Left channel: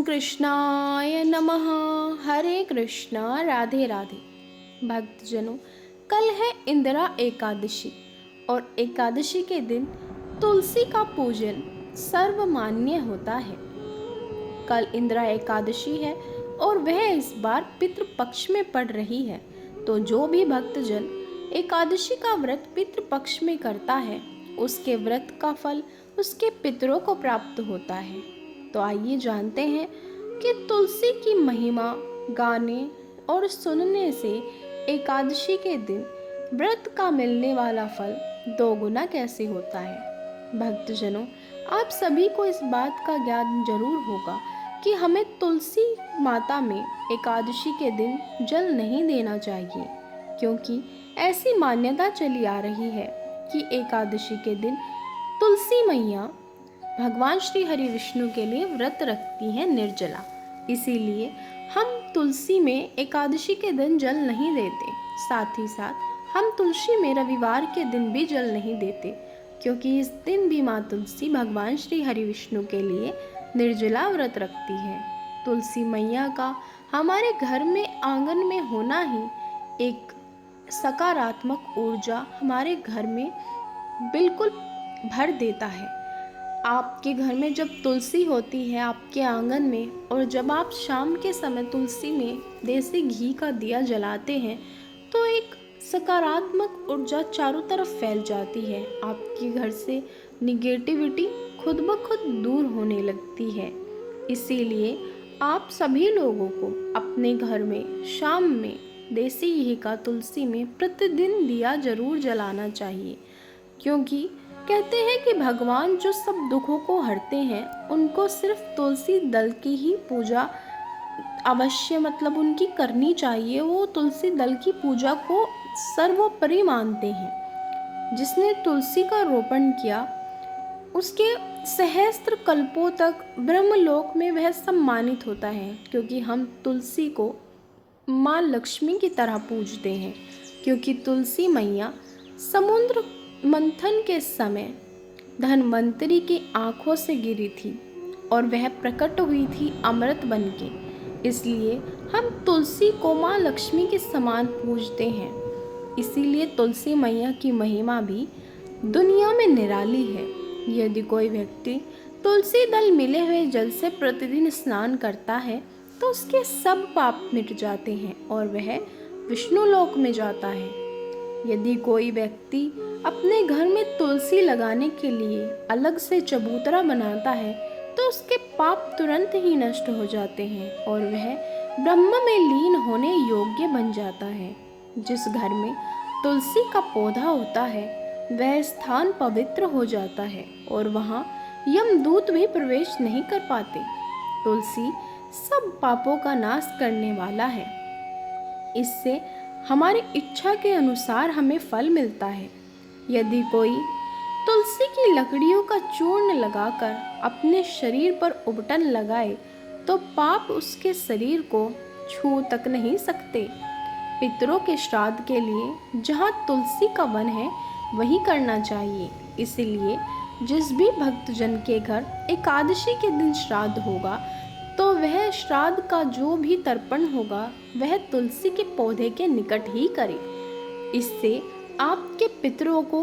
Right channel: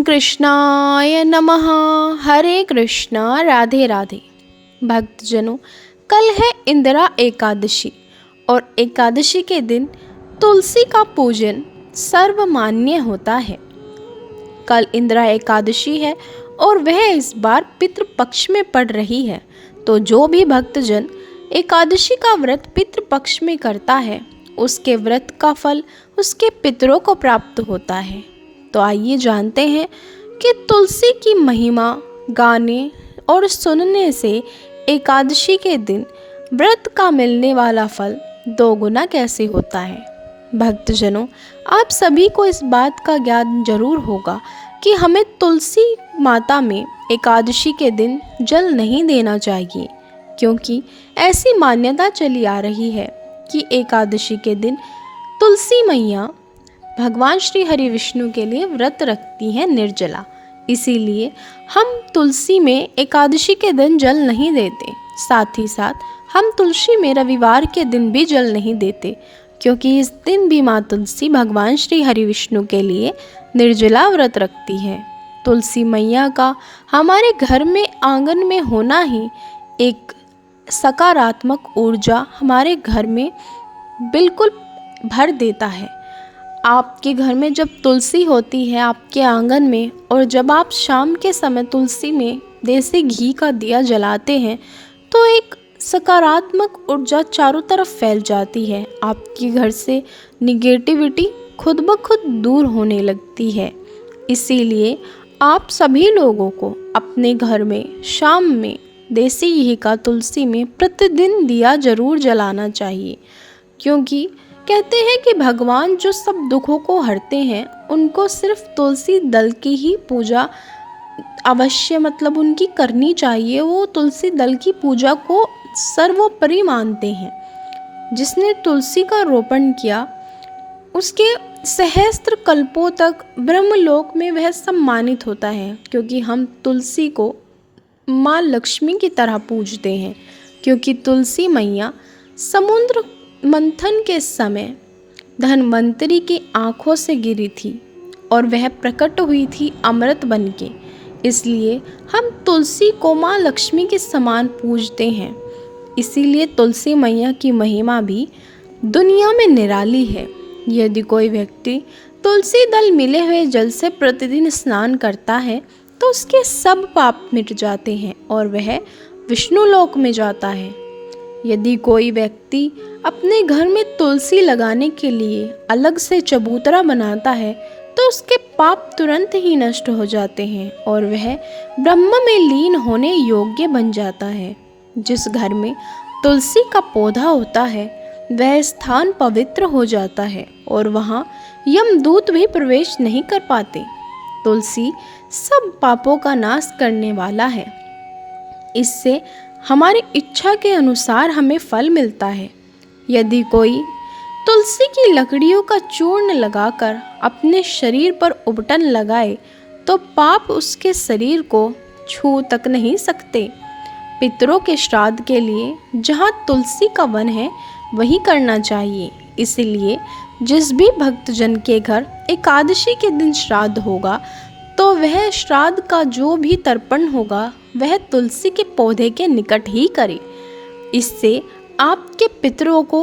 ओम कृष्णाय नमः। हरे कृष्णा, राधे राधे। भक्तजनों, कल है इंदिरा एकादशी और एकादशी के दिन तुलसी का पूजन सर्वमान्य होता है। कल इंदिरा एकादशी है और वह इस बार पितृपक्ष में पड़ रही है, तो जो भी भक्तजन एकादशी का व्रत पितृपक्ष में करता है उसके व्रत का फल उसके पितरों को प्राप्त होता है। तो आइए जानते हैं कि तुलसी की महिमा गाने और सुनने से एकादशी के दिन व्रत का मिलने वाला फल दोगुना कैसे होता है। भक्तजनों, आप सभी को इस बात का ज्ञान जरूर होगा कि हमें तुलसी माता में एकादशी के दिन जल नहीं देना चाहिए, क्योंकि ऐसी मान्यता चली आ रही है कि एकादशी के दिन तुलसी मैया भगवान श्री हरि विष्णु के लिए व्रत रखती हैं निर्जला। इसीलिए हम तुलसी में एकादशी के दिन जल नहीं देते। साथ ही साथ हम तुलसी में रविवार के दिन भी जल नहीं देते, क्योंकि इस दिन भी माँ तुलसी भगवान श्री हरि विष्णु के लिए निर्जला व्रत रखती है। तुलसी मैया का हमारे घर में आंगन में होना ही एक सकारात्मक ऊर्जा हमारे घर में बिल्कुल भर देता है। आपके घर में जब तुलसी होती है आपके आंगन में, और जब आप शाम के समय तुलसी में देसी घी का दिया जलाते हैं, तो एक सकारात्मक ऊर्जा चारों तरफ फैल जाती है। आपके घर से निगेटिविटी खुद ब खुद दूर होने लगती है। इसीलिए आप सभी लोगों को अपने घर में शाम में देसी घी का तुलसी में प्रतिदिन दिया जरूर जलाना चाहिए, क्योंकि कहते हैं कि भगवान जो सब दुखों को हरते हैं उनको सिर्फ तुलसी दल की ही पूजा अवश्य उनकी करनी चाहिए। वो तुलसी दल की पूजा को सर्वोपरि मानते हैं। जिसने तुलसी का रोपण किया उसके सहस्त्र कल्पों तक ब्रह्मलोक में वह सम्मानित होता है, क्योंकि हम तुलसी को माँ लक्ष्मी की तरह पूजते हैं। क्योंकि तुलसी मैया समुद्र मंथन के समय धन्वंतरी की आंखों से गिरी थी और वह प्रकट हुई थी अमृत बनके। इसलिए हम तुलसी को माँ लक्ष्मी के समान पूजते हैं। इसीलिए तुलसी मैया की महिमा भी दुनिया में निराली है। यदि कोई व्यक्ति तुलसी दल मिले हुए जल से प्रतिदिन स्नान करता है तो उसके सब पाप मिट जाते हैं और वह विष्णु लोक में जाता है। यदि कोई व्यक्ति अपने घर में तुलसी लगाने के लिए अलग से चबूतरा बनाता है तो उसके पाप तुरंत ही नष्ट हो जाते हैं और वह ब्रह्म में लीन होने योग्य बन जाता है। जिस घर में तुलसी का पौधा होता है वह स्थान पवित्र हो जाता है और वहाँ यमदूत भी प्रवेश नहीं कर पाते। तुलसी सब पापों का नाश करने वाला है। इससे हमारी इच्छा के अनुसार हमें फल मिलता है। यदि कोई तुलसी की लकड़ियों का चूर्ण लगाकर अपने शरीर पर उबटन लगाए तो पाप उसके शरीर को छू तक नहीं सकते। पितरों के श्राद्ध के लिए जहाँ तुलसी का वन है वही करना चाहिए। इसलिए जिस भी भक्तजन के घर एकादशी के दिन श्राद्ध होगा तो वह श्राद्ध का जो भी तर्पण होगा वह तुलसी के पौधे के निकट ही करे। इससे आपके पितरों को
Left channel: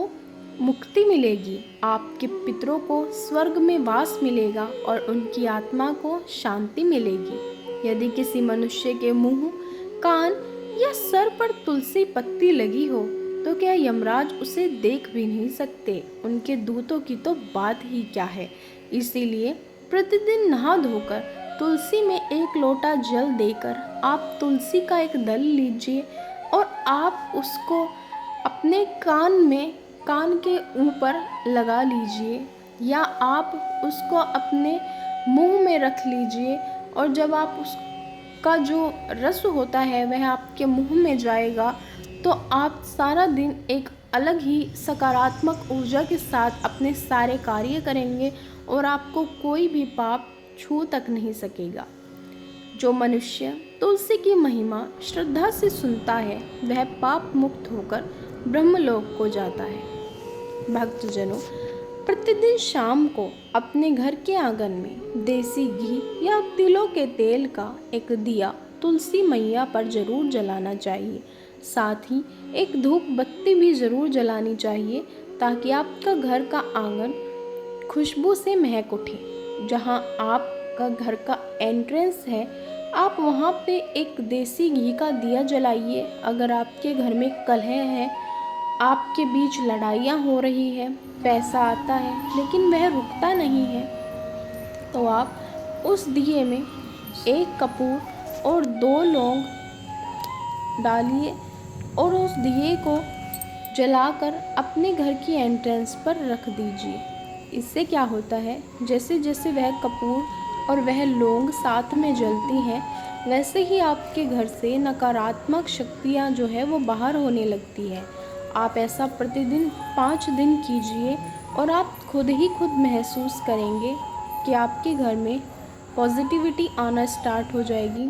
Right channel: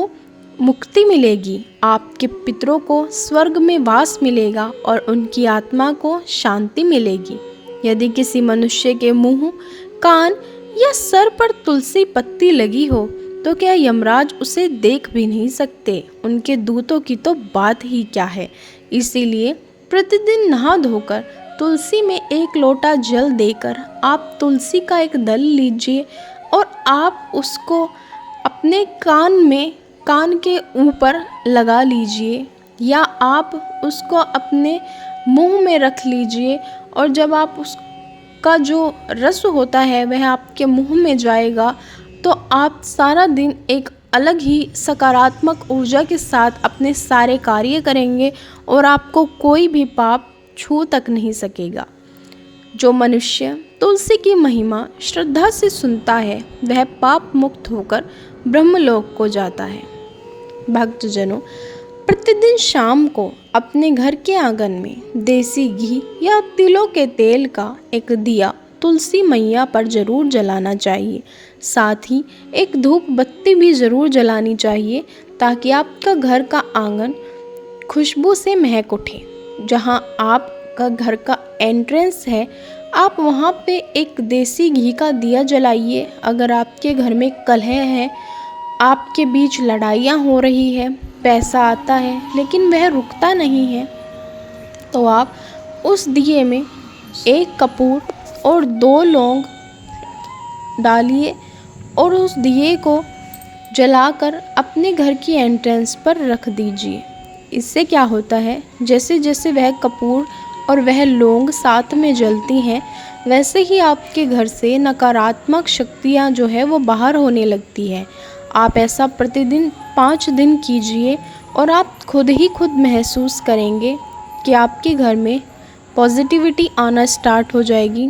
मुक्ति मिलेगी, आपके पितरों को स्वर्ग में वास मिलेगा और उनकी आत्मा को शांति मिलेगी। यदि किसी मनुष्य के मुंह, कान या सर पर तुलसी पत्ती लगी हो तो क्या यमराज उसे देख भी नहीं सकते, उनके दूतों की तो बात ही क्या है। इसीलिए प्रतिदिन नहा धोकर तुलसी में एक लोटा जल देकर आप तुलसी का एक दल लीजिए और आप उसको अपने कान के ऊपर लगा लीजिए या आप उसको अपने मुंह में रख लीजिए। और जब आप उसका जो रस होता है वह आपके मुंह में जाएगा तो आप सारा दिन एक अलग ही सकारात्मक ऊर्जा के साथ अपने सारे कार्य करेंगे और आपको कोई भी पाप छू तक नहीं सकेगा। जो मनुष्य तुलसी की महिमा श्रद्धा से सुनता है वह पाप मुक्त होकर ब्रह्मलोक को जाता है। भक्तजनों, प्रतिदिन शाम को अपने घर के आंगन में देसी घी या तिलों के तेल का एक दिया तुलसी मैया पर जरूर जलाना चाहिए। साथ ही एक धूप बत्ती भी ज़रूर जलानी चाहिए ताकि आपका घर का आंगन खुशबू से महक उठे। जहाँ आपका घर का एंट्रेंस है, आप वहाँ पे एक देसी घी का दिया जलाइए। अगर आपके घर में कलह है, आपके बीच लड़ाइयाँ हो रही है, पैसा आता है लेकिन वह रुकता नहीं है, तो आप उस दिए में एक कपूर और 2 लौंग डालिए और उस दिए को जलाकर अपने घर की एंट्रेंस पर रख दीजिए। इससे क्या होता है, जैसे जैसे वह कपूर और वह लौंग साथ में जलती हैं, वैसे ही आपके घर से नकारात्मक शक्तियाँ जो है वो बाहर होने लगती है। आप ऐसा प्रतिदिन 5 दिन कीजिए और आप खुद ही खुद महसूस करेंगे कि आपके घर में पॉजिटिविटी आना स्टार्ट हो जाएगी।